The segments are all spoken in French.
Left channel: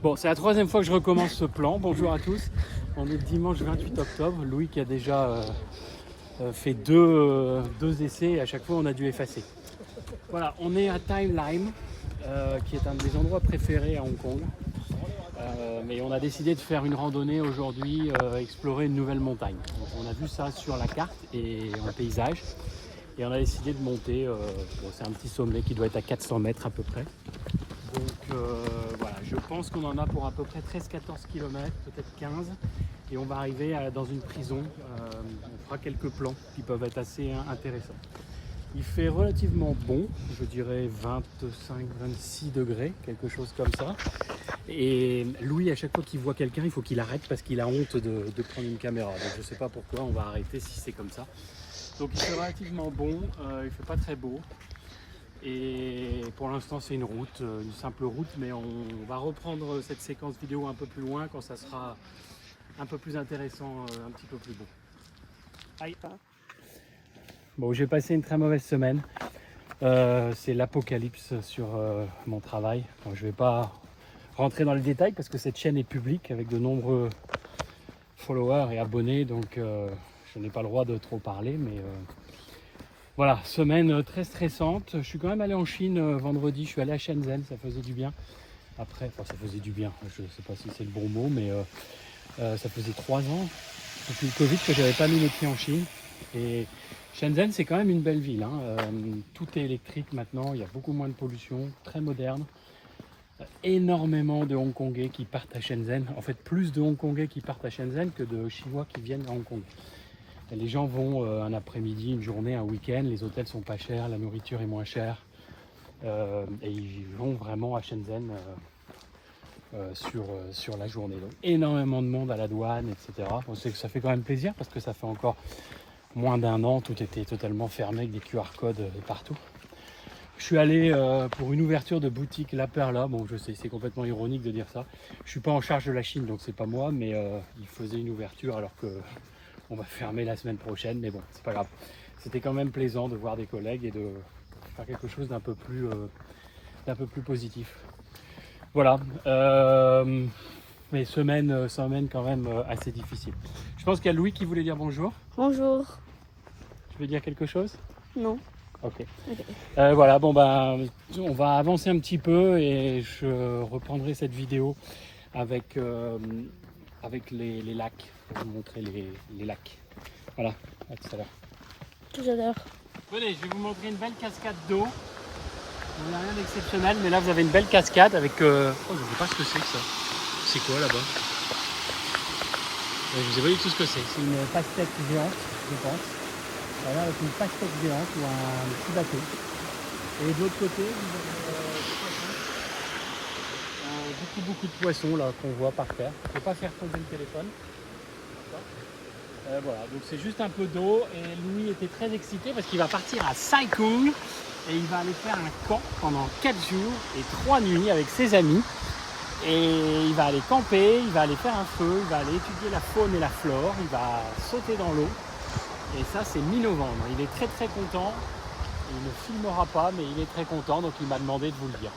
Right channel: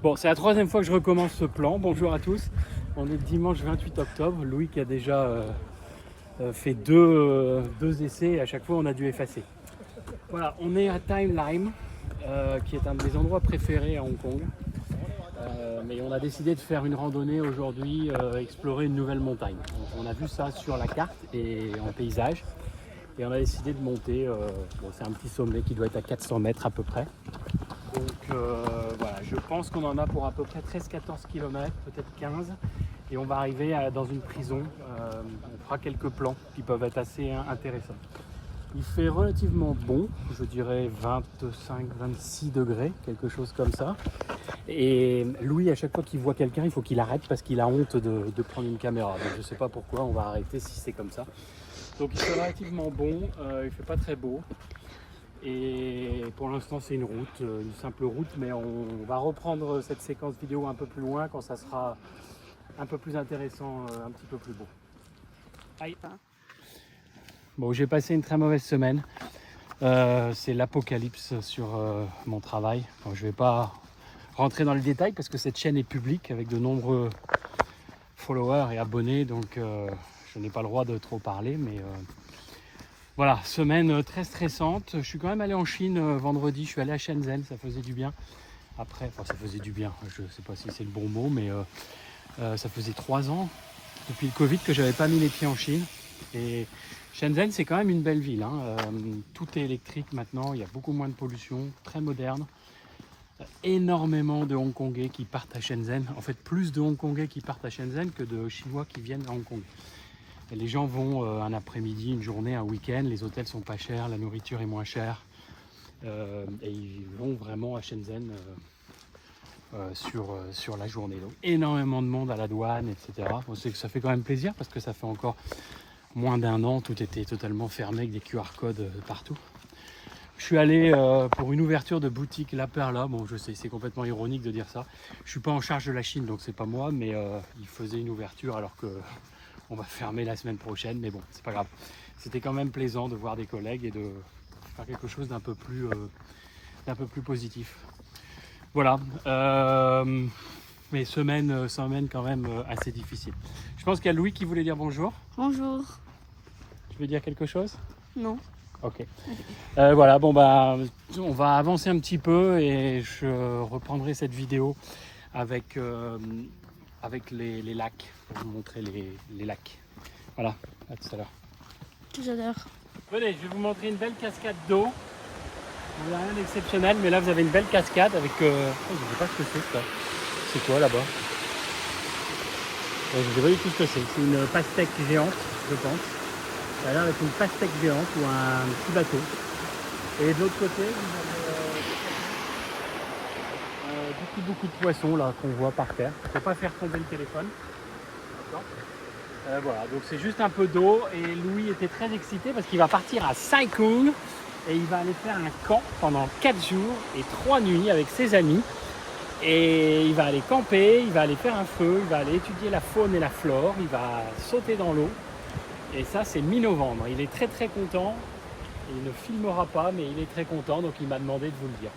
Bon, c'est la troisième fois que je recommence ce plan. Bonjour à tous. On est le dimanche 28 octobre. Louis qui a déjà fait deux essais et à chaque fois on a dû effacer. Voilà, on est à Time Lime, qui est un de mes endroits préférés à Hong Kong. Mais on a décidé de faire une randonnée aujourd'hui, explorer une nouvelle montagne. Donc, on a vu ça sur la carte et en paysage. Et on a décidé de monter. Bon, c'est un petit sommet qui doit être à 400 mètres à peu près. Donc voilà, je pense qu'on en a pour à peu près 13-14 km, peut-être 15. Et on va arriver dans une prison. On fera quelques plans qui peuvent être assez intéressants. Il fait relativement bon, je dirais 25-26 degrés, quelque chose comme ça. Et Louis, à chaque fois qu'il voit quelqu'un, il faut qu'il arrête parce qu'il a honte de prendre une caméra. Donc je ne sais pas pourquoi, on va arrêter si c'est comme ça. Donc il fait relativement bon, il ne fait pas très beau. Et pour l'instant c'est une route, une simple route, mais on va reprendre cette séquence vidéo un peu plus loin quand ça sera un peu plus intéressant, un petit peu plus beau. Aïe. Bon, j'ai passé une très mauvaise semaine. C'est l'apocalypse sur mon travail. Donc, je ne vais pas rentrer dans les détails parce que cette chaîne est publique avec de nombreux followers et abonnés, donc je n'ai pas le droit de trop parler, mais voilà, semaine très stressante. Je suis quand même allé en Chine vendredi, je suis allé à Shenzhen, ça faisait du bien. Après, enfin ça faisait du bien, je ne sais pas si c'est le bon mot, mais ça faisait 3 ans depuis le Covid que j'avais pas mis les pieds en Chine. Et Shenzhen, c'est quand même une belle ville, hein. Tout est électrique maintenant, il y a beaucoup moins de pollution, très moderne. Énormément de Hongkongais qui partent à Shenzhen. En fait, plus de Hongkongais qui partent à Shenzhen que de Chinois qui viennent à Hong Kong. Et les gens vont un après-midi, une journée, un week-end. Les hôtels sont pas chers, la nourriture est moins chère. Et ils vont vraiment à Shenzhen sur la journée. Donc, énormément de monde à la douane, etc. Bon, ça fait quand même plaisir parce que ça fait encore moins d'un an, tout était totalement fermé avec des QR codes partout. Je suis allé pour une ouverture de boutique La Perla. Bon, je sais, c'est complètement ironique de dire ça. Je suis pas en charge de la Chine, donc c'est pas moi, mais il faisait une ouverture alors que on va fermer la semaine prochaine. Mais bon, c'est pas grave. C'était quand même plaisant de voir des collègues et de faire quelque chose d'un peu plus positif. Voilà. Mais semaine quand même assez difficile. Je pense qu'il y a Louis qui voulait dire bonjour. Bonjour. Tu veux dire quelque chose? Non. Ok. Ok. Voilà, bon bah, on va avancer un petit peu et je reprendrai cette vidéo avec, avec les lacs, pour vous montrer les lacs. Voilà, à tout à l'heure. Tout à l'heure. Venez, je vais vous montrer une belle cascade d'eau. Bon, il n'y a rien d'exceptionnel, mais là vous avez une belle cascade avec... Oh, je ne sais pas ce que c'est que ça. C'est quoi là-bas? Je ne sais pas du tout ce que c'est. C'est une pastèque géante, je pense. Ça a l'air d'être une pastèque géante ou un petit bateau. Et de l'autre côté, vous avez beaucoup de poissons là qu'on voit par terre. Il ne faut pas faire tomber le téléphone. Voilà, donc c'est juste un peu d'eau et Louis était très excité parce qu'il va partir à Sai Kung et il va aller faire un camp pendant 4 jours et 3 nuits avec ses amis. Et il va aller camper, il va aller faire un feu, il va aller étudier la faune et la flore, il va sauter dans l'eau. Et ça c'est mi-novembre. Il est très très content. Il ne filmera pas mais il est très content donc il m'a demandé de vous le dire.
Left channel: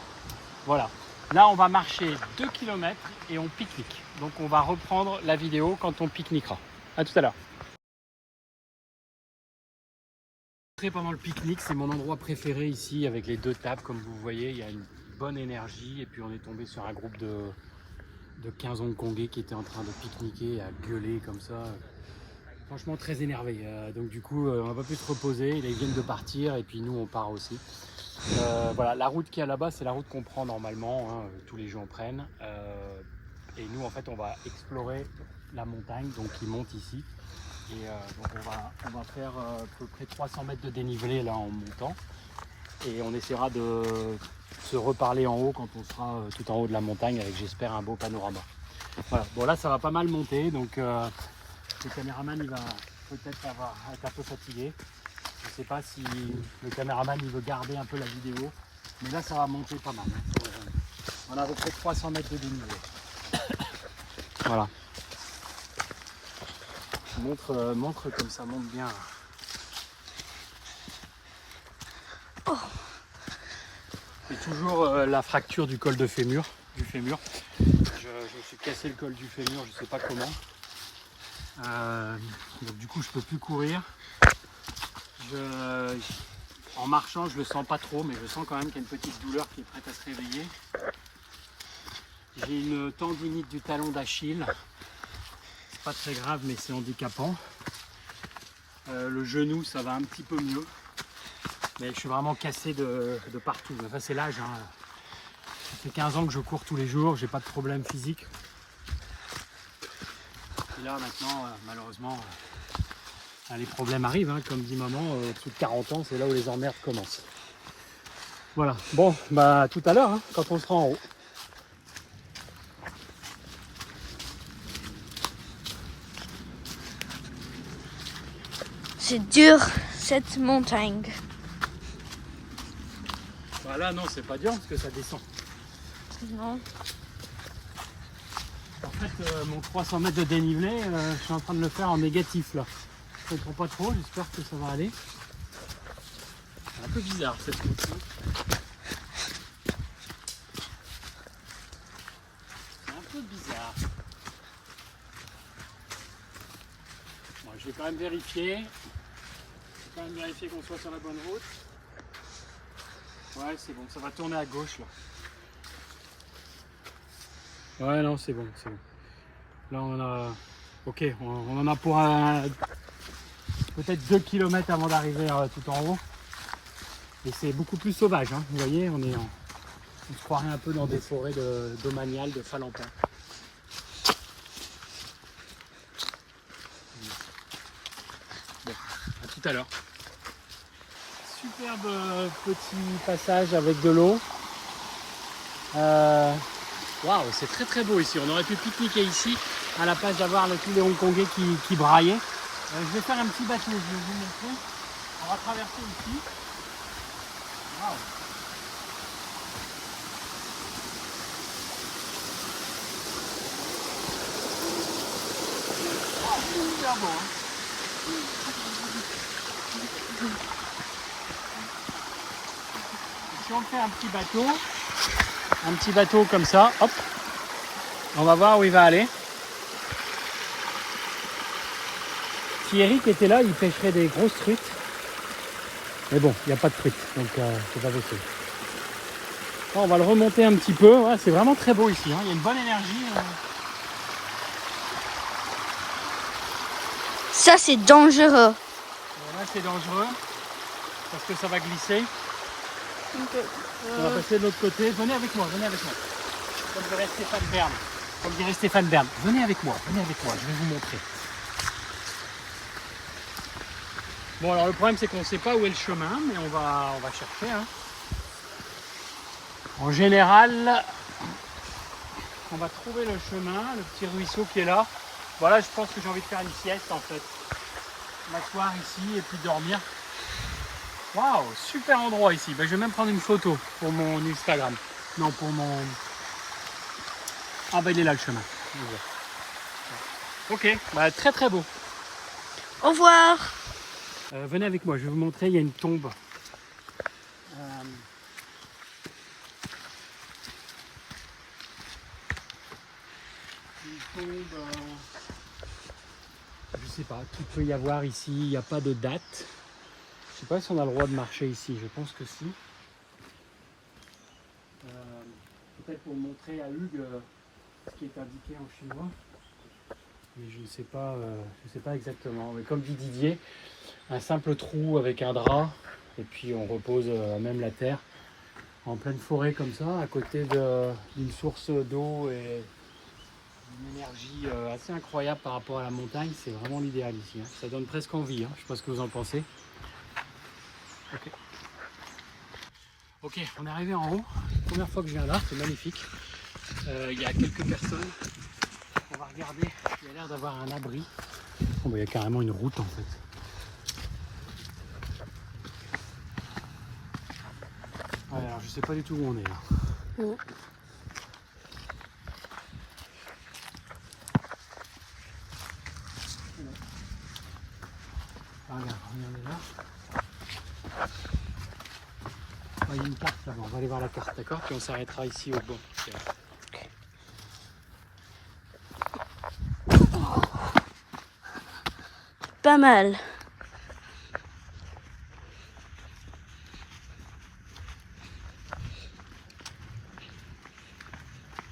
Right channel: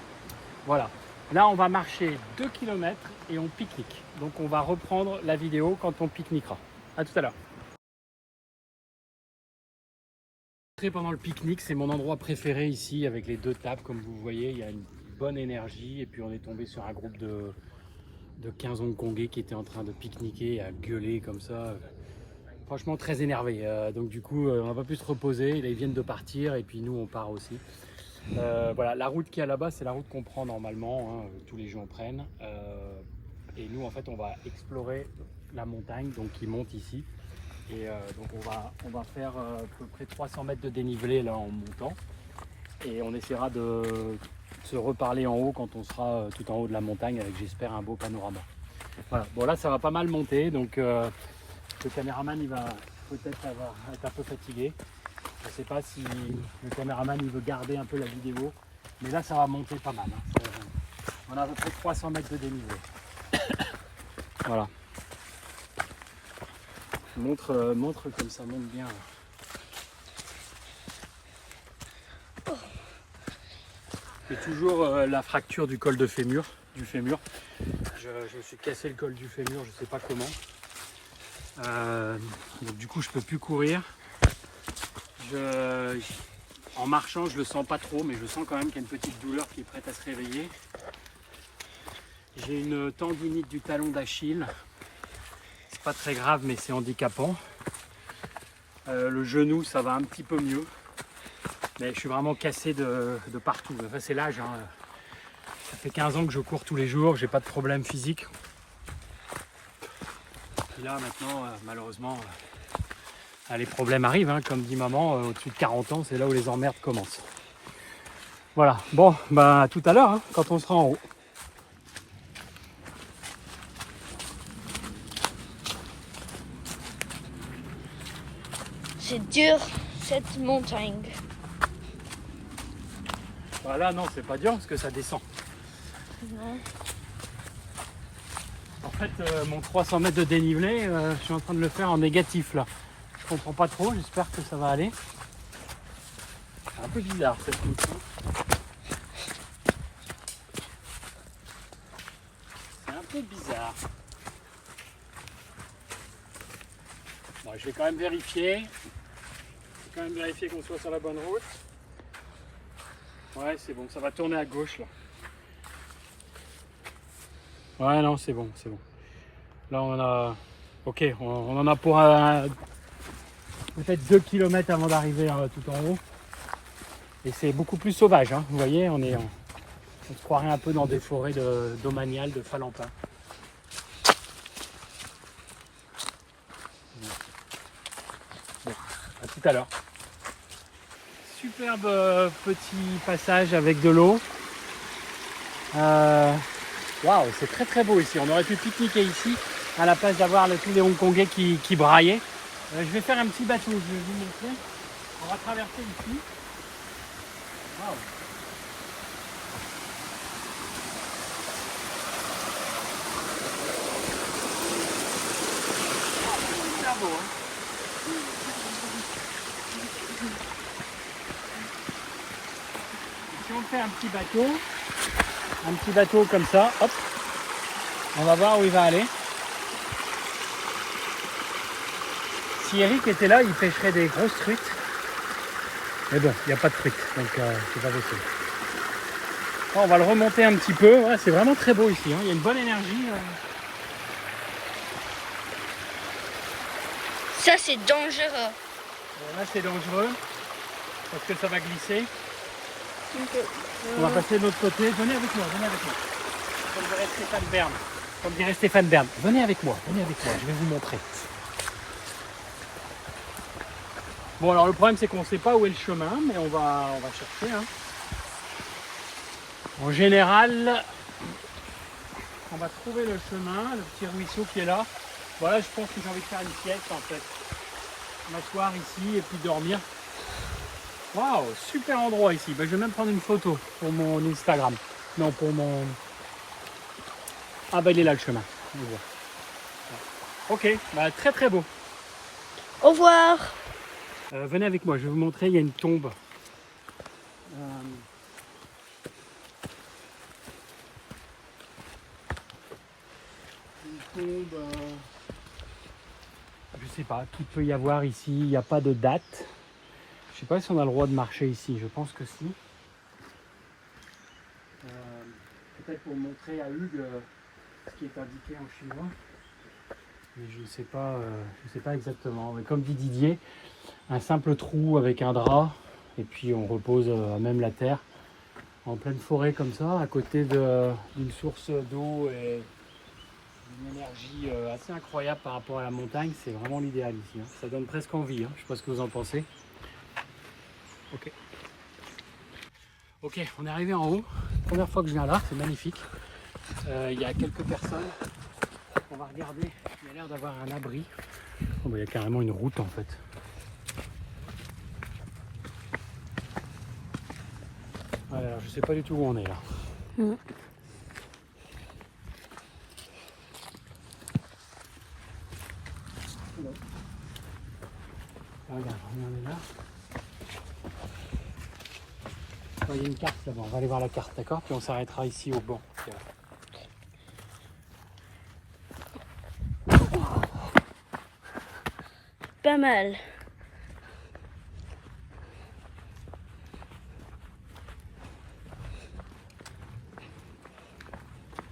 Voilà. Là on va marcher 2 km et on pique-nique. Donc on va reprendre la vidéo quand on pique-niquera. A tout à l'heure. Pendant le pique-nique, c'est mon endroit préféré ici avec les 2 tables comme vous voyez, il y a une bonne énergie et puis on est tombé sur un groupe de 15 Hongkongais qui étaient en train de pique-niquer, à gueuler comme ça. Franchement très énervé, donc du coup on n'a pas pu se reposer, là, ils viennent de partir et puis nous on part aussi. Voilà, la route qu'il y a là-bas c'est la route qu'on prend normalement, hein, tous les gens prennent. Et nous en fait on va explorer la montagne, donc ils montent ici. Et donc on va faire à peu près 300 mètres de dénivelé là en montant. Et on essaiera de se reparler en haut quand on sera tout en haut de la montagne avec j'espère un beau panorama. Voilà. Bon là ça va pas mal monter donc le caméraman il va peut-être être un peu fatigué. Je ne sais pas si le caméraman il veut garder un peu la vidéo. Mais là ça va monter pas mal. Hein. On a à peu près 300 mètres de dénivelé. Voilà. Montre comme ça monte bien. C'est toujours la fracture du col de fémur, du fémur. Je me suis cassé le col du fémur, je sais pas comment. Donc du coup je peux plus courir. En marchant je le sens pas trop, mais je sens quand même qu'il y a une petite douleur qui est prête à se réveiller. J'ai une tendinite du talon d'Achille. C'est pas très grave mais c'est handicapant. Le genou ça va un petit peu mieux. Mais je suis vraiment cassé de partout. Ça c'est l'âge. Hein. Ça fait 15 ans que je cours tous les jours, j'ai pas de problème physique. Et là maintenant, malheureusement, les problèmes arrivent. Hein. Comme dit maman, au-dessus de 40 ans, c'est là où les emmerdes commencent. Voilà, bon, bah à tout à l'heure, hein, quand on sera en haut. C'est dur cette montagne. Voilà, non, c'est pas dur parce que ça descend. Non. En fait, mon 300 mètres de dénivelé, je suis en train de le faire en négatif là. Je comprends pas trop, j'espère que ça va aller. C'est un peu bizarre cette route. C'est un peu bizarre. Bon, je vais quand même vérifier. Je vais quand même vérifier qu'on soit sur la bonne route. Ouais, c'est bon, ça va tourner à gauche là. Ouais, non, c'est bon, c'est bon. Là, on a. Ok, on en a pour peut-être 2 km avant d'arriver tout en haut. Et c'est beaucoup plus sauvage, hein. Vous voyez, on se croirait un peu dans des forêts d'Aumanial, de Falampin. Bon, à tout à l'heure. Superbe petit passage avec de l'eau. Waouh, c'est très très beau ici. On aurait pu pique-niquer ici à la place d'avoir tous les Hongkongais qui braillaient. Je vais faire un petit bateau, je vais vous montrer. On va traverser ici. Waouh. Ah, c'est super beau, hein. Si on fait un petit bateau comme ça, hop, on va voir où il va aller. Si Eric était là, il pêcherait des grosses truites. Mais bon, il n'y a pas de truites, donc c'est pas possible. Bon, on va le remonter un petit peu. Ouais, c'est vraiment très beau ici, hein. Il y a une bonne énergie. Ça c'est dangereux. Là, c'est dangereux parce que ça va glisser. Okay. On va passer de l'autre côté. Venez avec moi, venez avec moi. Comme dirait Stéphane Bern. Comme dirait Stéphane Bern. Venez avec moi, je vais vous montrer. Bon, alors le problème c'est qu'on ne sait pas où est le chemin, mais on va chercher. Hein. En général, on va trouver le chemin, le petit ruisseau qui est là. Voilà, je pense que j'ai envie de faire une sieste en fait. M'asseoir ici et puis dormir. Waouh, super endroit ici. Ben, je vais même prendre une photo pour mon Instagram. Non, pour mon... Ah ben il est là le chemin. Ok, ben, très très beau. Au revoir. Venez avec moi, je vais vous montrer, il y a une tombe. Une tombe... je sais pas, qu'il peut y avoir ici, il n'y a pas de date. Je sais pas si on a le droit de marcher ici, je pense que si. Peut-être pour montrer à Hugues ce qui est indiqué en chinois. Mais je ne sais pas exactement. Mais comme dit Didier, un simple trou avec un drap, et puis on repose même la terre en pleine forêt comme ça, à côté d'une source d'eau et une énergie assez incroyable par rapport à la montagne. C'est vraiment l'idéal ici. Hein. Ça donne presque envie. Hein. Je ne sais pas ce que vous en pensez. Ok, on est arrivé en haut. Première fois que je viens là, c'est magnifique. Il y a quelques personnes. On va regarder. Il y a l'air d'avoir un abri. Oh, bah, il y a carrément une route en fait. Ouais, alors je sais pas du tout où on est là. Regarde, on est là. Il y a une carte là-bas, on va aller voir la carte, d'accord? Puis on s'arrêtera ici au banc. Okay. pas mal.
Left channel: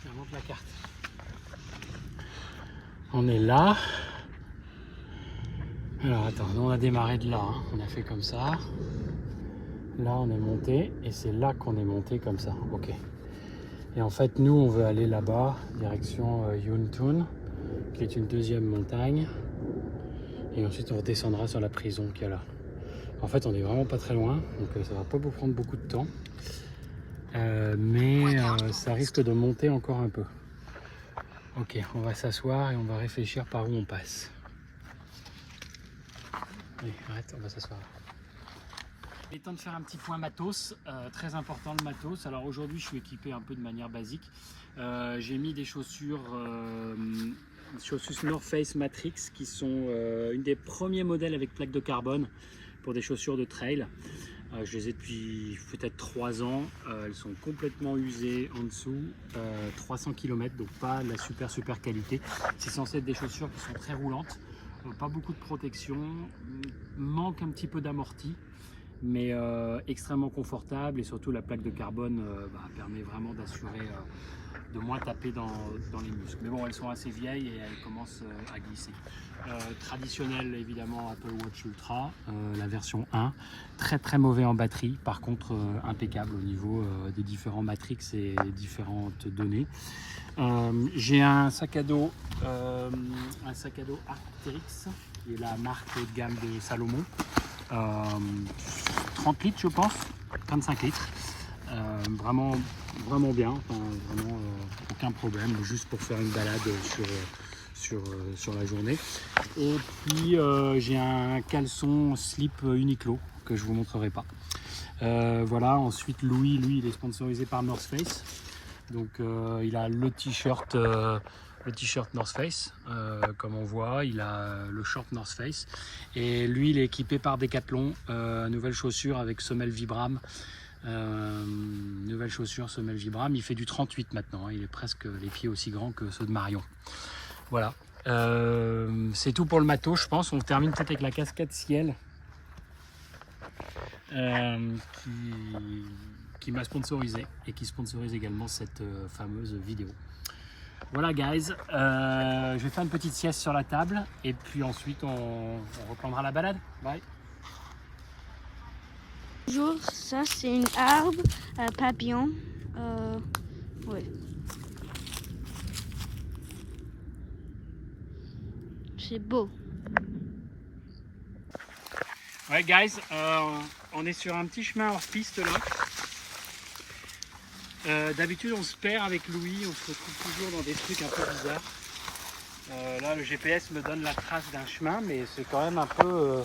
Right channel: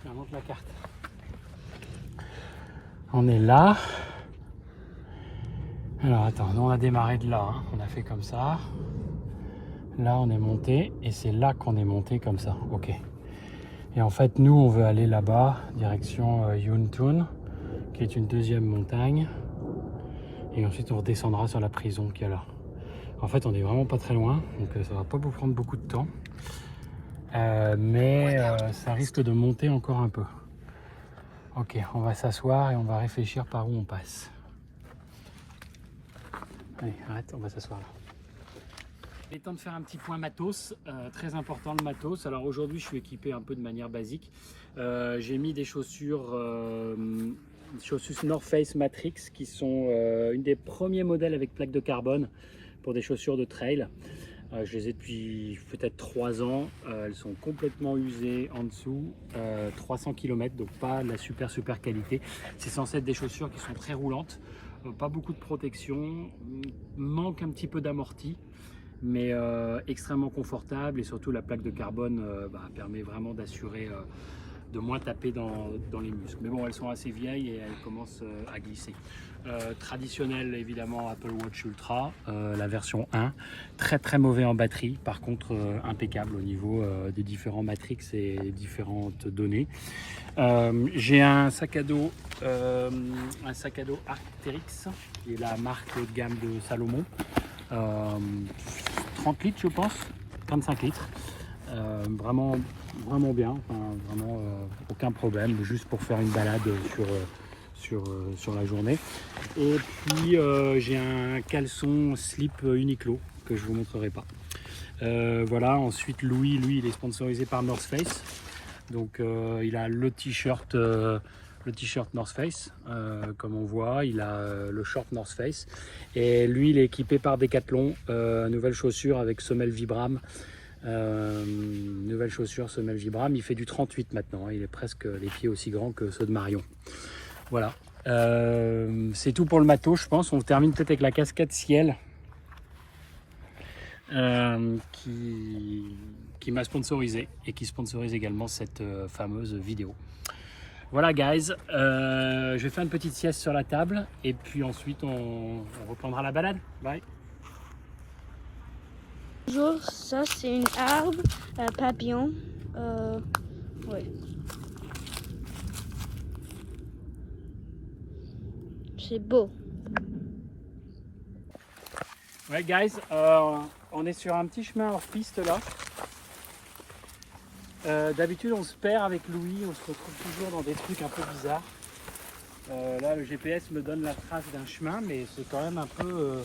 Ça montre la carte. On est là. Alors attends, nous on a démarré de là, hein. On a fait comme ça. Là on est monté et c'est là qu'on est monté comme ça. Ok. Et en fait nous on veut aller là-bas, direction Yuntun, qui est une deuxième montagne. Et ensuite on redescendra sur la prison qui est là. En fait on est vraiment pas très loin, donc ça va pas vous prendre beaucoup de temps. Mais ça risque de monter encore un peu. Ok, on va s'asseoir et on va réfléchir par où on passe. Allez, arrête, on va s'asseoir là. Il est temps de faire un petit point matos, très important le matos. Alors aujourd'hui je suis équipé un peu de manière basique. J'ai mis des chaussures North Face Matrix qui sont une des premiers modèles avec plaque de carbone pour des chaussures de trail. Je les ai depuis peut-être 3 ans, elles sont complètement usées en dessous, 300 km, donc pas la super qualité. C'est censé être des chaussures qui sont très roulantes, pas beaucoup de protection, manque un petit peu d'amorti, mais extrêmement confortable, et surtout la plaque de carbone permet vraiment d'assurer de moins taper dans les muscles. Mais bon, elles sont assez vieilles et elles commencent à glisser. Traditionnel évidemment Apple Watch Ultra, la version 1, très mauvais en batterie, par contre impeccable au niveau des différents matrix et différentes données. J'ai un sac à dos Arc'teryx, qui est la marque haut de gamme de Salomon, 30 litres je pense, 25 litres. Vraiment bien, enfin, vraiment aucun problème, juste pour faire une balade sur la journée. Et puis j'ai un caleçon slip Uniqlo que je vous montrerai pas. Voilà, ensuite Louis, lui, il est sponsorisé par North Face, donc il a le t-shirt North Face, comme on voit, il a le short North Face, et lui il est équipé par Decathlon, nouvelle chaussure avec semelle Vibram. Nouvelle chaussure semelle Vibram, il fait du 38 maintenant, hein. Il est presque les pieds aussi grands que ceux de Marion. Voilà, c'est tout pour le matos je pense. On termine peut-être avec la casquette ciel qui m'a sponsorisé et qui sponsorise également cette fameuse vidéo. Voilà guys, je vais faire une petite sieste sur la table et puis ensuite on reprendra la balade. Bye. Bonjour, ça c'est une arbre, un papillon. Ouais. C'est beau. Ouais guys, on est sur un petit chemin hors piste là. D'habitude on se perd avec Louis, on se retrouve toujours dans des trucs un peu bizarres. Là le GPS me donne la trace d'un chemin, mais c'est quand même un peu...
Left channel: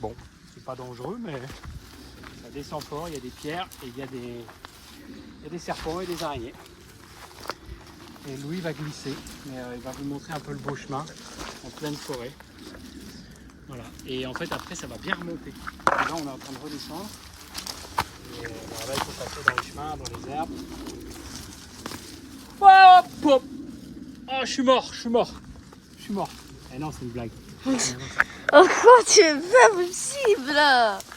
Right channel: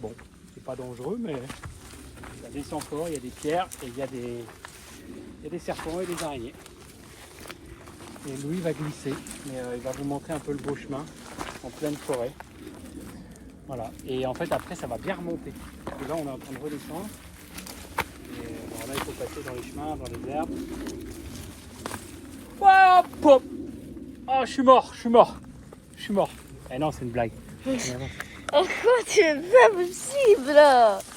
bon, c'est pas dangereux, mais ça descend fort, il y a des pierres et il y a des serpents et des araignées. Et Louis va glisser, mais il va vous montrer un peu le beau chemin en pleine forêt. Voilà, et en fait après ça va bien remonter. Et là on est en train de redescendre. Et bon, là il faut passer dans les chemins, dans les herbes. Hop, hop. Oh, je suis mort. Eh non, c'est une blague. Oh, c'est pas possible!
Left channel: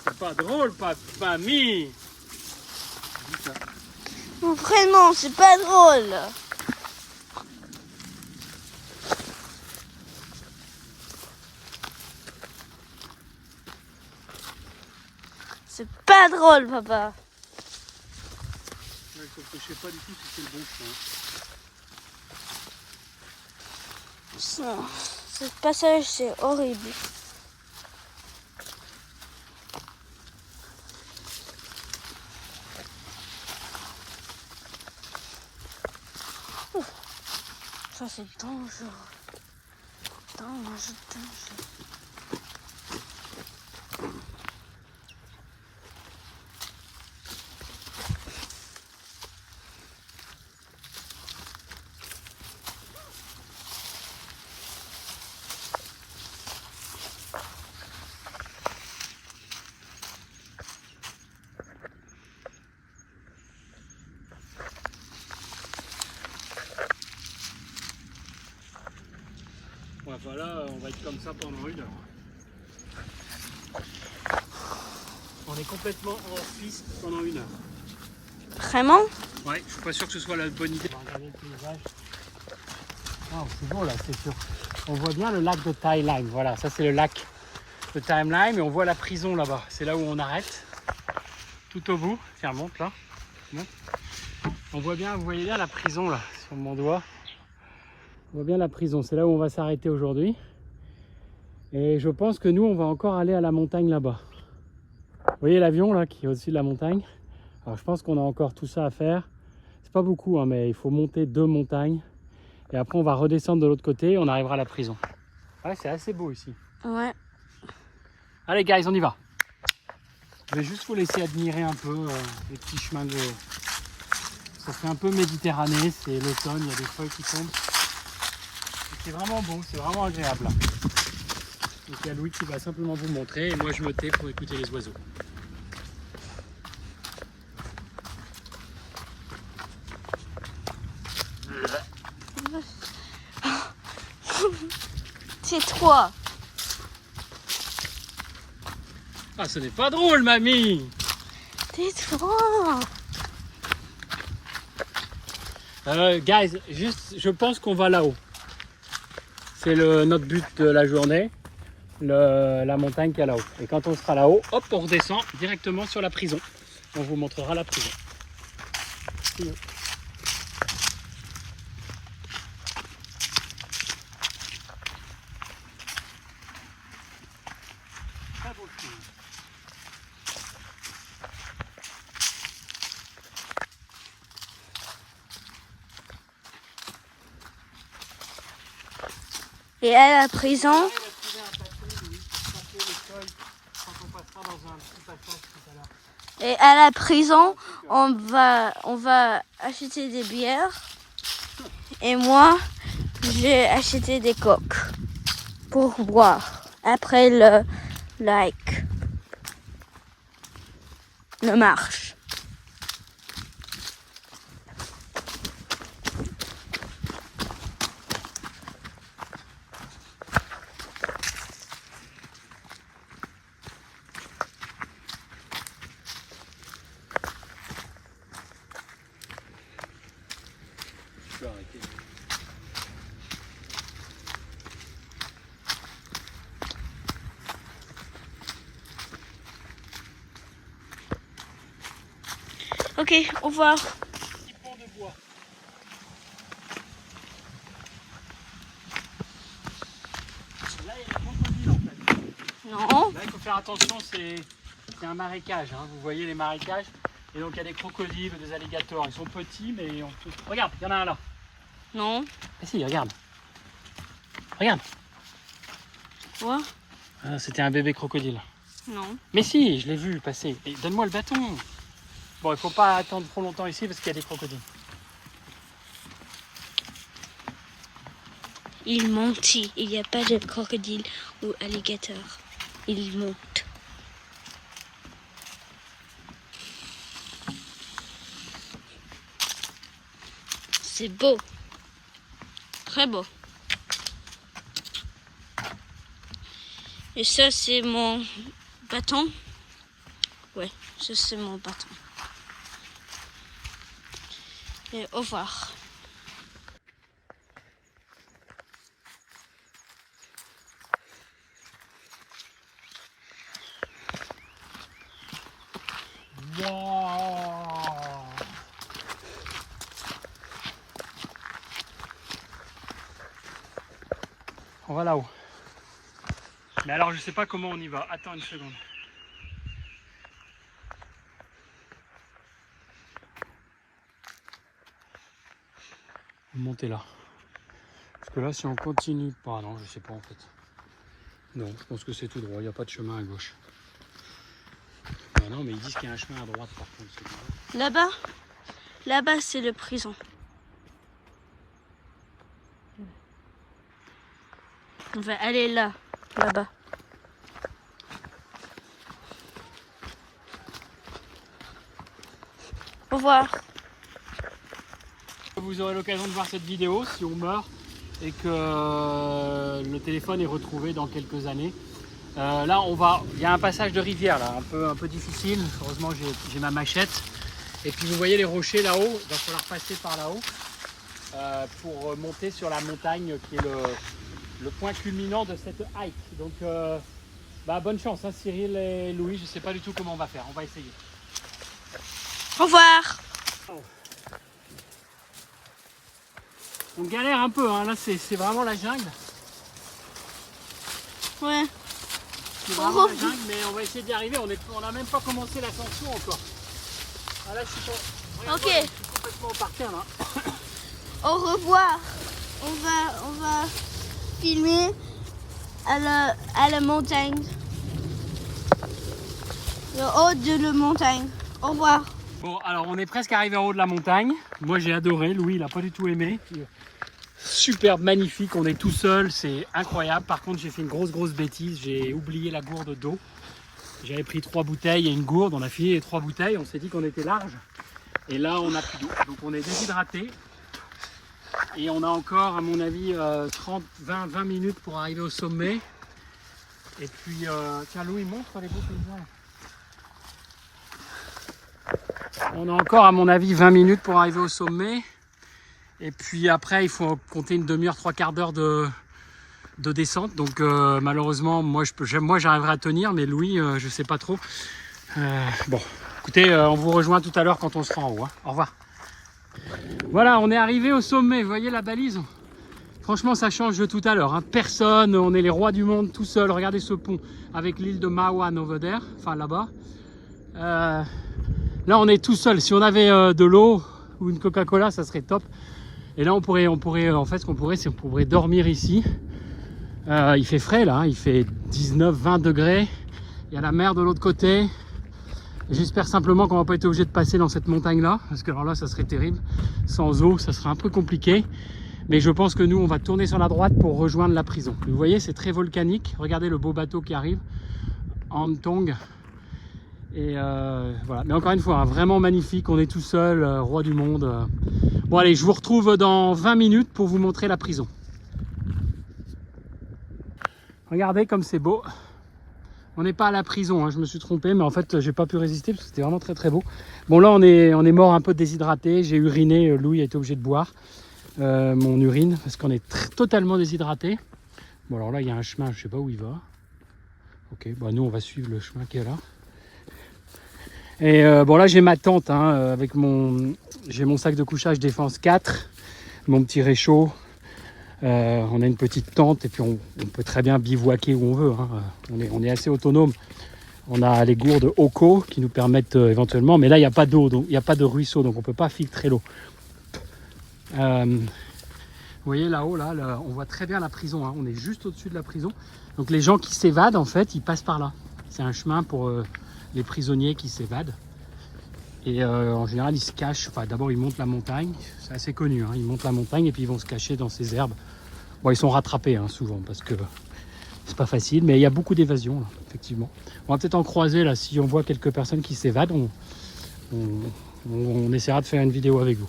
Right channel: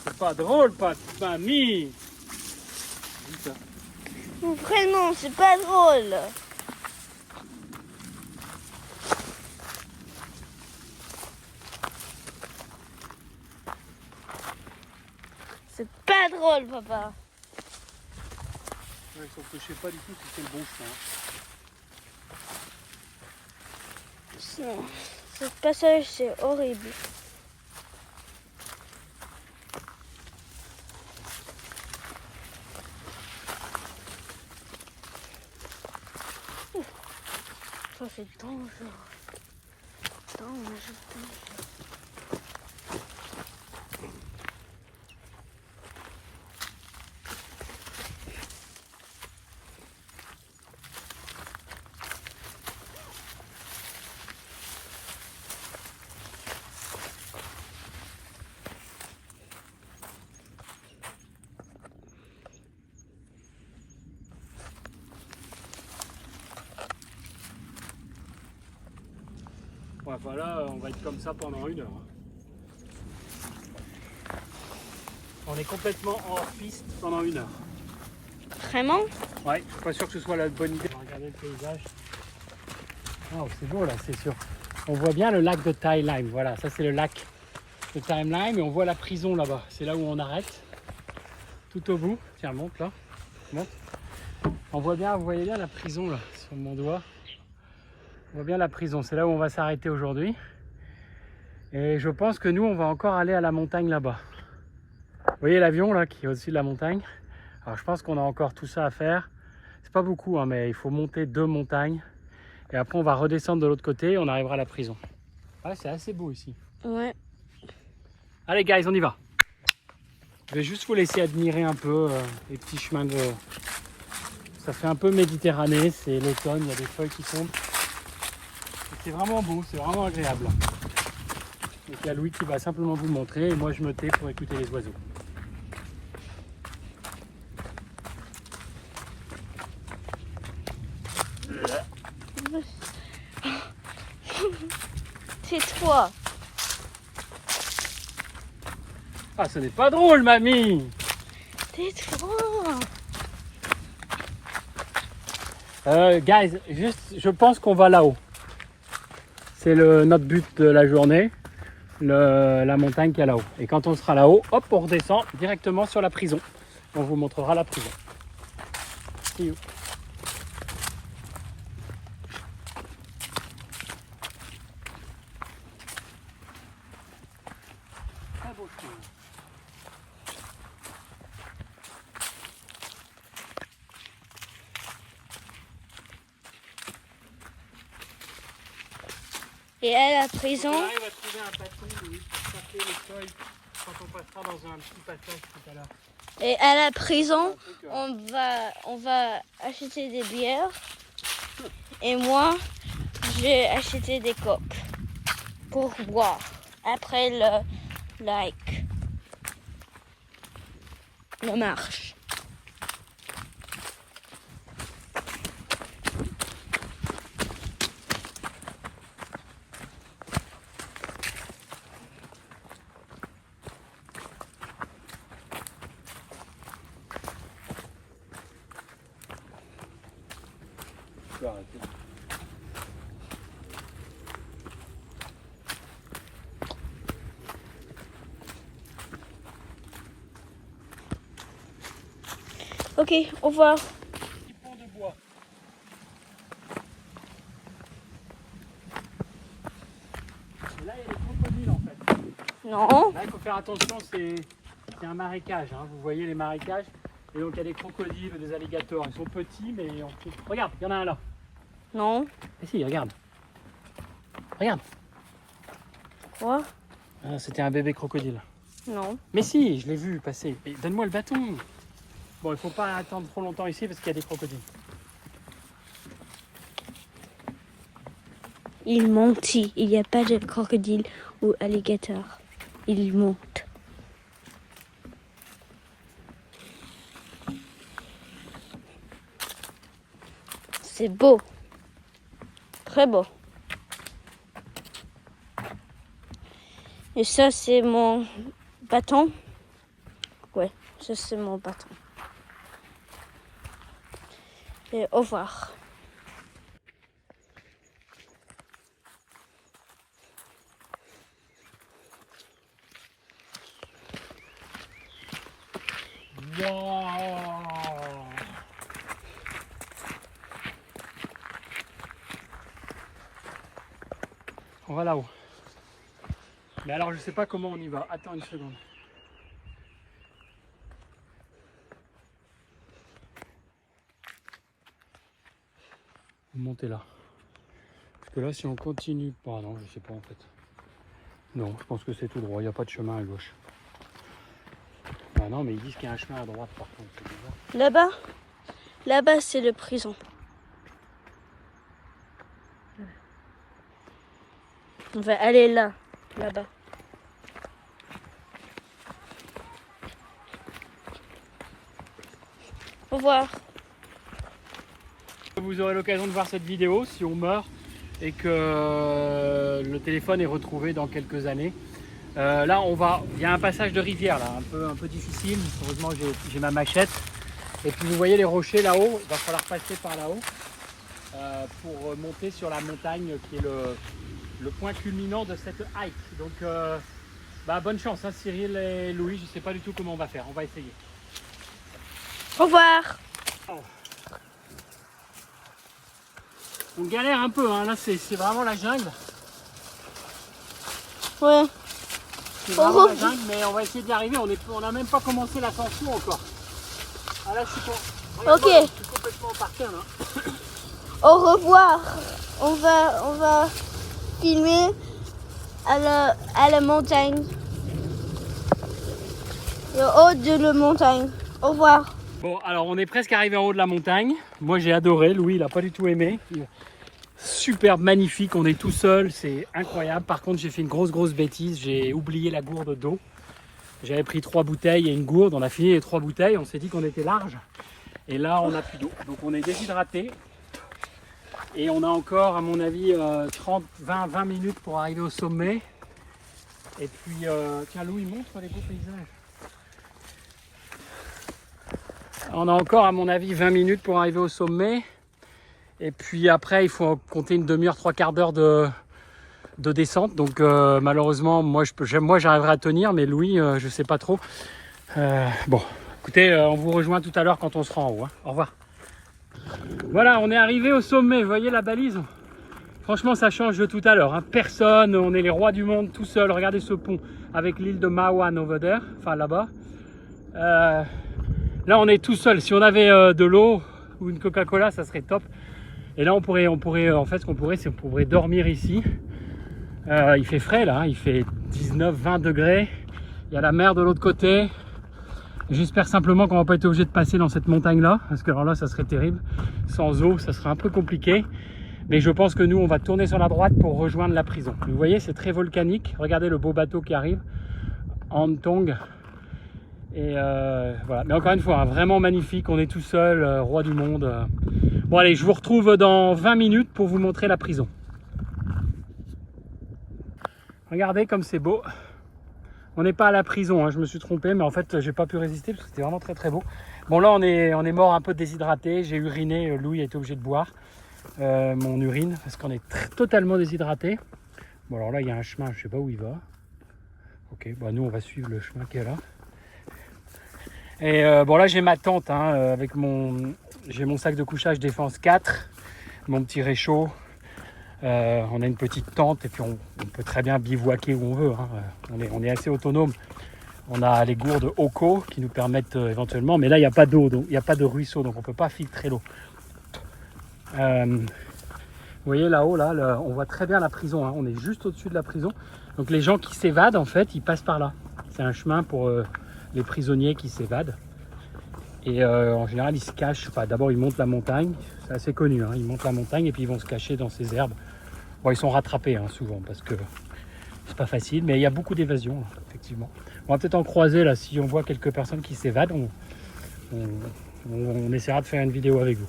C'est pas drôle, pas de famille. Dis ça. Vraiment, c'est pas drôle. C'est pas drôle, papa. Ouais, sauf que je sais pas du tout si c'est le bon chemin. Ce passage, c'est horrible. Ça, c'est dangereux. Dangereux. Ouais, enfin là, on va être comme ça pendant 1 heure. Hein. On est complètement en piste pendant 1 heure. Vraiment? Ouais, je suis pas sûr que ce soit la bonne idée. Regardez le paysage. Oh, c'est beau là, c'est sûr. On voit bien le lac de Tai Lime. Voilà, ça c'est le lac de Tai Lime et on voit la prison là-bas. C'est là où on arrête. Tout au bout. Tiens, monte là. Monte. On voit bien, vous voyez bien la prison là, sur mon doigt. On voit bien la prison. C'est là où on va s'arrêter aujourd'hui. Et je pense que nous, on va encore aller à la montagne là-bas. Vous voyez l'avion là qui est au-dessus de la montagne? Alors je pense qu'on a encore tout ça à faire. C'est pas beaucoup, hein, mais il faut monter 2 montagnes. Et après, on va redescendre de l'autre côté et on arrivera à la prison. Ouais, c'est assez beau ici. Ouais. Allez, guys, on y va. Je vais juste vous laisser admirer un peu les petits chemins de... Ça fait un peu Méditerranée, c'est l'automne, il y a des feuilles qui tombent. C'est vraiment beau, c'est vraiment agréable. Donc il y a Louis qui va simplement vous montrer et moi je me tais pour écouter les oiseaux. C'est toi. Ah, ce n'est pas drôle, mamie! C'est toi. Guys, juste, je pense qu'on va là-haut. C'est notre but de la journée, la montagne qui est là-haut. Et quand on sera là-haut, hop, on redescend directement sur la prison. On vous montrera la prison. Très beau chemin. Et à la prison, On arrive à trouver un bâton, Louis, pour passer les feuilles quand on passera dans un petit passage tout à l'heure. et à la prison, on va acheter des bières. Et moi, j'ai acheté des coques pour boire après le marche. Je peux arrêter. Ok, au revoir. Petit pont de bois. Là, il y a des crocodiles en fait. Non. Là, il faut faire attention, c'est un marécage. Hein. Vous voyez les marécages. Et donc, il y a des crocodiles, des alligators. Ils sont petits, mais on peut... Regarde, il y en a un là. Non. Ah si, regarde. Regarde. Quoi? Ah, c'était un bébé crocodile. Non. Mais si, je l'ai vu passer. Et donne-moi le bâton. Bon, il faut pas attendre trop longtemps ici parce qu'il y a des crocodiles. Il mentit. Il n'y a pas de crocodile ou alligator. Il monte. C'est beau. Très beau. Et ça, c'est mon bâton. Ouais, ça, c'est mon bâton. Et au revoir. Wow. On va là-haut. Mais alors, je sais pas comment on y va. Attends une seconde. Monter là. Parce que là, si on continue pas, non, je sais pas en fait. Non, je pense que c'est tout droit. Il n'y a pas de chemin à gauche. Ah non, mais ils disent qu'il y a un chemin à droite par contre. Là-bas, là-bas, c'est le prison. On va aller là, là-bas. Au revoir. Vous aurez l'occasion de voir cette vidéo si on meurt et que le téléphone est retrouvé dans quelques années. Là, il y a un passage de rivière, là, un peu difficile. Heureusement, j'ai ma machette. Et puis, vous voyez les rochers là-haut. Il va falloir passer par là-haut pour monter sur la montagne qui est le point culminant de cette hike. Donc, bonne chance, hein, Cyril et Louis. Je ne sais pas du tout comment on va faire. On va essayer. Au revoir. On galère un peu, hein. Là, c'est vraiment la jungle. Ouais. C'est vraiment la jungle, mais on va essayer d'y arriver. On n'a même pas commencé l'ascension encore. Ah là, Ok. Je suis complètement par terre, là. Au revoir. On va filmer à la montagne. Le haut de la montagne. Au revoir. Bon, alors on est presque arrivé en haut de la montagne. Moi, j'ai adoré. Louis, il n'a pas du tout aimé. Superbe, magnifique. On est tout seul. C'est incroyable. Par contre, j'ai fait une grosse bêtise. J'ai oublié la gourde d'eau. J'avais pris 3 bouteilles et une gourde. On a fini les 3 bouteilles. On s'est dit qu'on était large. Et là, on n'a plus d'eau. Donc, on est déshydraté. Et on a encore, à mon avis, 20 minutes pour arriver au sommet. Et puis, tiens, Louis, montre les beaux paysages. On a encore, à mon avis, 20 minutes pour arriver au sommet. Et puis après, il faut compter une demi-heure, 3/4 d'heure de descente. Donc malheureusement, moi j'arriverai à tenir, mais Louis, je ne sais pas trop. Bon, écoutez, on vous rejoint tout à l'heure quand on sera en haut. Hein. Au revoir. Voilà, on est arrivé au sommet. Vous voyez la balise? Franchement, ça change de tout à l'heure. Hein. Personne, on est les rois du monde tout seul. Regardez ce pont avec l'île de Mawan over there, enfin là-bas. Là, on est tout seul. Si on avait de l'eau ou une Coca-Cola, ça serait top. Et là, on pourrait, en fait, ce qu'on pourrait, c'est qu'on pourrait dormir ici. Il fait frais là, hein. Il fait 19-20 degrés. Il y a la mer de l'autre côté. J'espère simplement qu'on va pas être obligé de passer dans cette montagne-là, parce que alors là, ça serait terrible. Sans eau, ça serait un peu compliqué. Mais je pense que nous, on va tourner sur la droite pour rejoindre la prison. Vous voyez, c'est très volcanique. Regardez le beau bateau qui arrive. Antong. Et voilà. Mais encore une fois, hein, vraiment magnifique. On est tout seul, roi du monde. Bon, allez, je vous retrouve dans 20 minutes pour vous montrer la prison. Regardez comme c'est beau. On n'est pas à la prison, hein, je me suis trompé, mais en fait, j'ai pas pu résister parce que c'était vraiment très beau. Bon, là, on est mort un peu déshydraté. J'ai uriné. Louis a été obligé de boire mon urine parce qu'on est totalement déshydraté. Bon, alors là, il y a un chemin, je sais pas où il va. Ok, bon, nous, on va suivre le chemin qui est là. Et bon, là, j'ai ma tente hein, avec j'ai mon sac de couchage Défense 4, mon petit réchaud. On a une petite tente et puis on peut très bien bivouaquer où on veut. Hein. On est assez autonome. On a les gourdes Oco qui nous permettent éventuellement, mais là il n'y a pas d'eau, donc il n'y a pas de ruisseau, donc on ne peut pas filtrer l'eau. Vous voyez là-haut, là, on voit très bien la prison. Hein. On est juste au-dessus de la prison. Donc les gens qui s'évadent, en fait, ils passent par là. C'est un chemin pour les prisonniers qui s'évadent. Et en général, ils se cachent. Enfin, d'abord, ils montent la montagne. C'est assez connu. Hein. Ils montent la montagne et puis ils vont se cacher dans ces herbes. Bon, ils sont rattrapés hein, souvent parce que c'est pas facile. Mais il y a beaucoup d'évasion, effectivement. On va peut-être en croiser là. Si on voit quelques personnes qui s'évadent, on essaiera de faire une vidéo avec vous.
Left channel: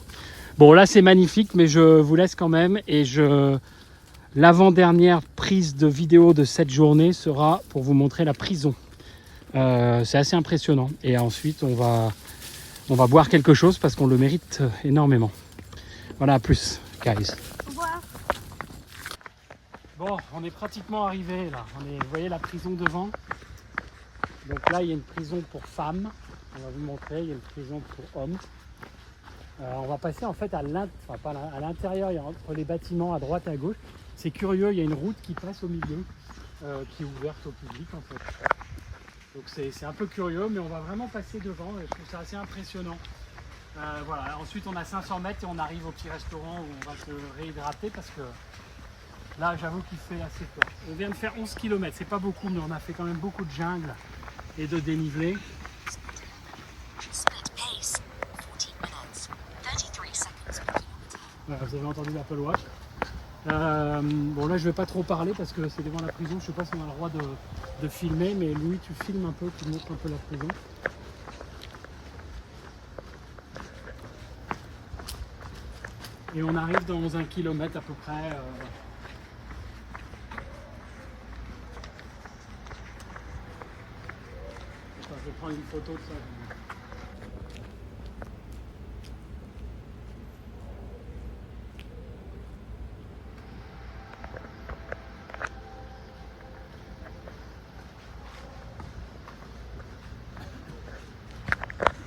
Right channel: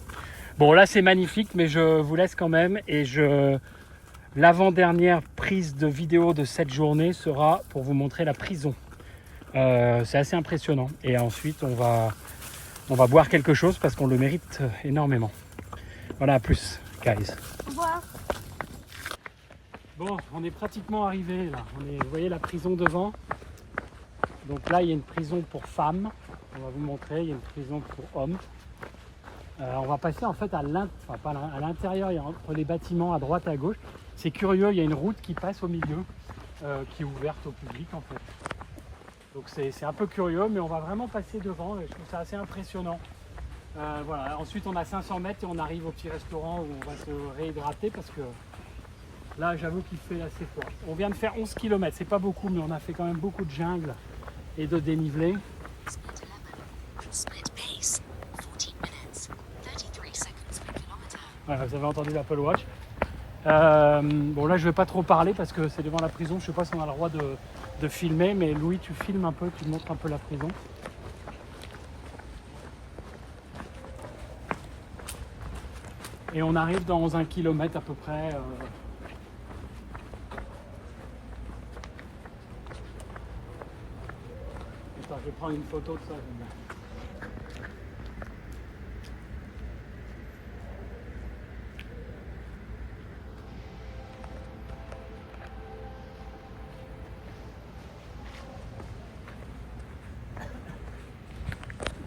Bon, là, c'est magnifique, mais je vous laisse quand même. Et l'avant-dernière prise de vidéo de cette journée sera pour vous montrer la prison. C'est assez impressionnant. Et ensuite, on va boire quelque chose parce qu'on le mérite énormément. Voilà, à plus, guys. Au revoir. Bon, on est pratiquement arrivé là. Vous voyez la prison devant. Donc là, il y a une prison pour femmes. On va vous montrer, il y a une prison pour hommes. On va passer en fait à l'intérieur, entre les bâtiments à droite et à gauche. C'est curieux, il y a une route qui passe au milieu, qui est ouverte au public en fait. Donc c'est un peu curieux, mais on va vraiment passer devant. Je trouve ça assez impressionnant. Voilà. Ensuite, on a 500 mètres et on arrive au petit restaurant où on va se réhydrater parce que là, j'avoue qu'il fait assez froid. On vient de faire 11 km, c'est pas beaucoup, mais on a fait quand même beaucoup de jungle et de dénivelé. Voilà, vous avez entendu l'Apple Watch. Bon, là, je vais pas trop parler parce que c'est devant la prison. Je sais pas si on a le droit de filmer, mais Louis, tu filmes un peu, tu montres un peu la prison. Et on arrive dans 1 kilomètre à peu près. je vais prendre une photo de ça. J'aime bien.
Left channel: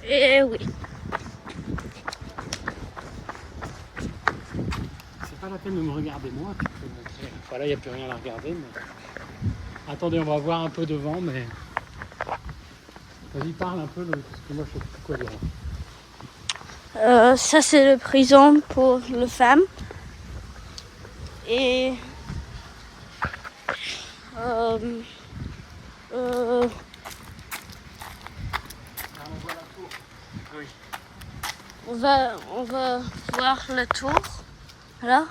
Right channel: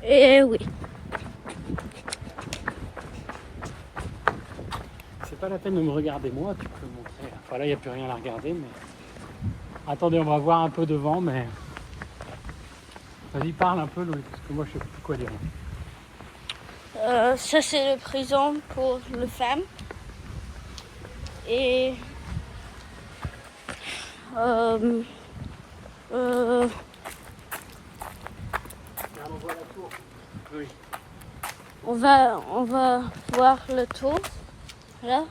Et oui. C'est pas la peine de me regarder moi, tu peux montrer. Enfin, là, il n'y a plus rien à regarder, mais... Attendez, on va voir un peu devant, mais... Vas-y, parle un peu, Louis, parce que moi, je sais plus quoi dire. Ça, c'est le prison pour les femmes. Et... Oui. on va voir le tour. Là.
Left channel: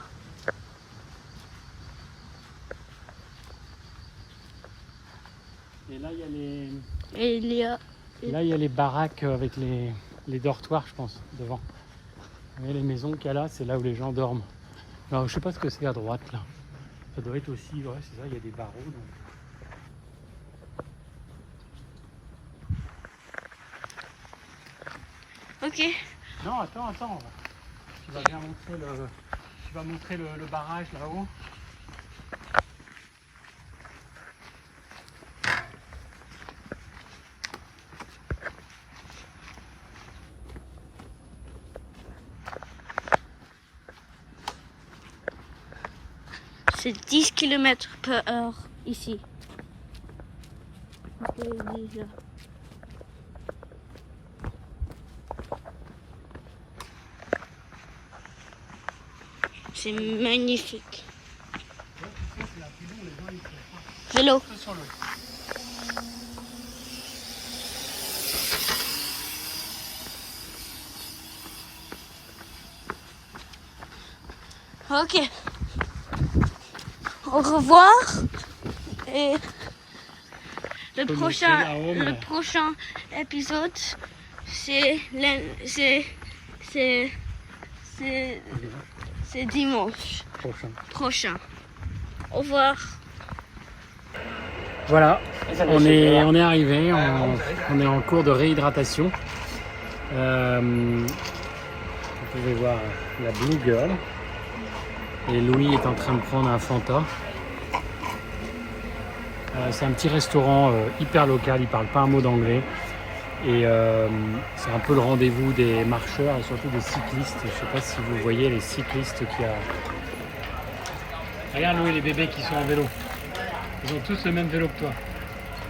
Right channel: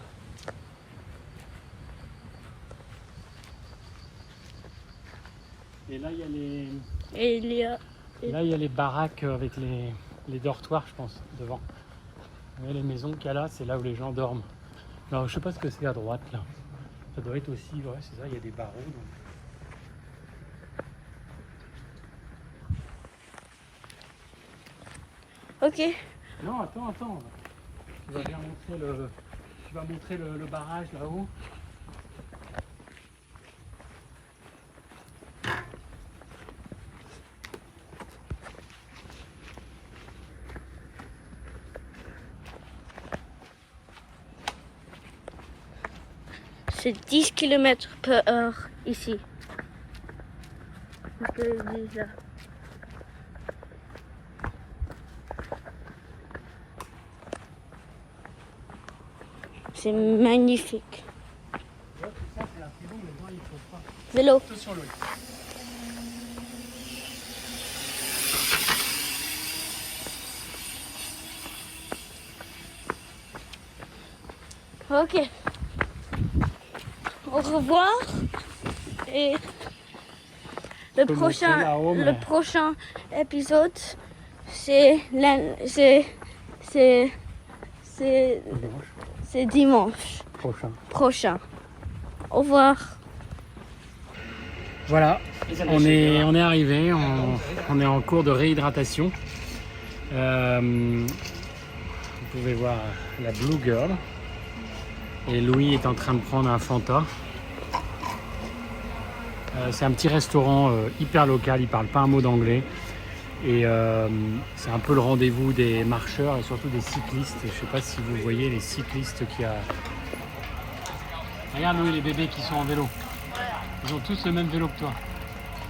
Et là, il y a les... Et il y a... Là, il y a les baraques avec les dortoirs, je pense, devant. Vous voyez les maisons qu'il y a là, c'est là où les gens dorment. Alors, je sais pas ce que c'est à droite, là. Ça doit être aussi, ouais, c'est là, il y a des barreaux. Donc... Ok. Non, attends. Tu vas bien montrer le barrage là-haut. C'est 10 km/h ici. On peut le dire là. C'est magnifique. Vélo. Ok. Au revoir. Et le prochain épisode, c'est dimanche prochain. Au revoir. Voilà, on est arrivé, on est en cours de réhydratation. Vous pouvez voir la Blue Girl. Et Louis est en train de prendre un Fanta. C'est un petit restaurant hyper local, il parle pas un mot d'anglais. Et c'est un peu le rendez-vous des marcheurs et surtout des cyclistes. Je sais pas si vous voyez les cyclistes qu'il y a. Regarde Louis, les bébés qui sont en vélo. Ils ont tous le même vélo que toi.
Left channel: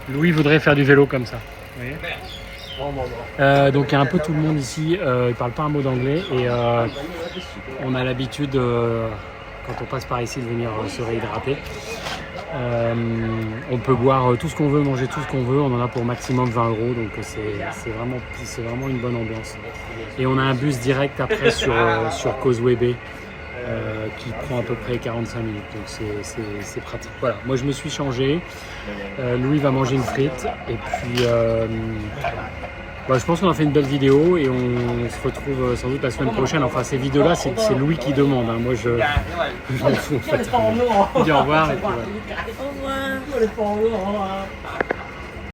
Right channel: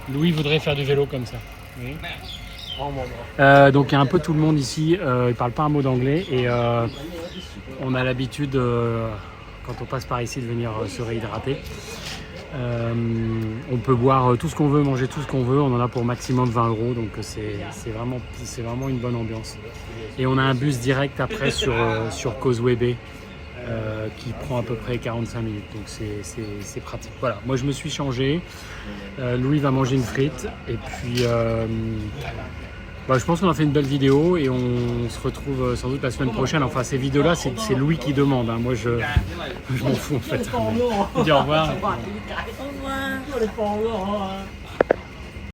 Louis voudrait faire du vélo comme ça. Vous voyez donc il y a un peu tout le monde ici, ils parlent pas un mot d'anglais et on a l'habitude quand on passe par ici de venir se réhydrater. On peut boire tout ce qu'on veut, manger tout ce qu'on veut, on en a pour maximum 20 €, donc c'est vraiment une bonne ambiance. Et on a un bus direct après sur Causeway Bay qui prend à peu près 45 minutes, donc c'est pratique. Voilà, moi je me suis changé, Louis va manger une frite et puis je pense qu'on a fait une belle vidéo et on se retrouve sans doute la semaine prochaine. Enfin, ces vidéos-là, c'est Louis qui demande. Hein. Moi, je m'en fous en fait. Je dis au revoir. Et puis, voilà. Au revoir.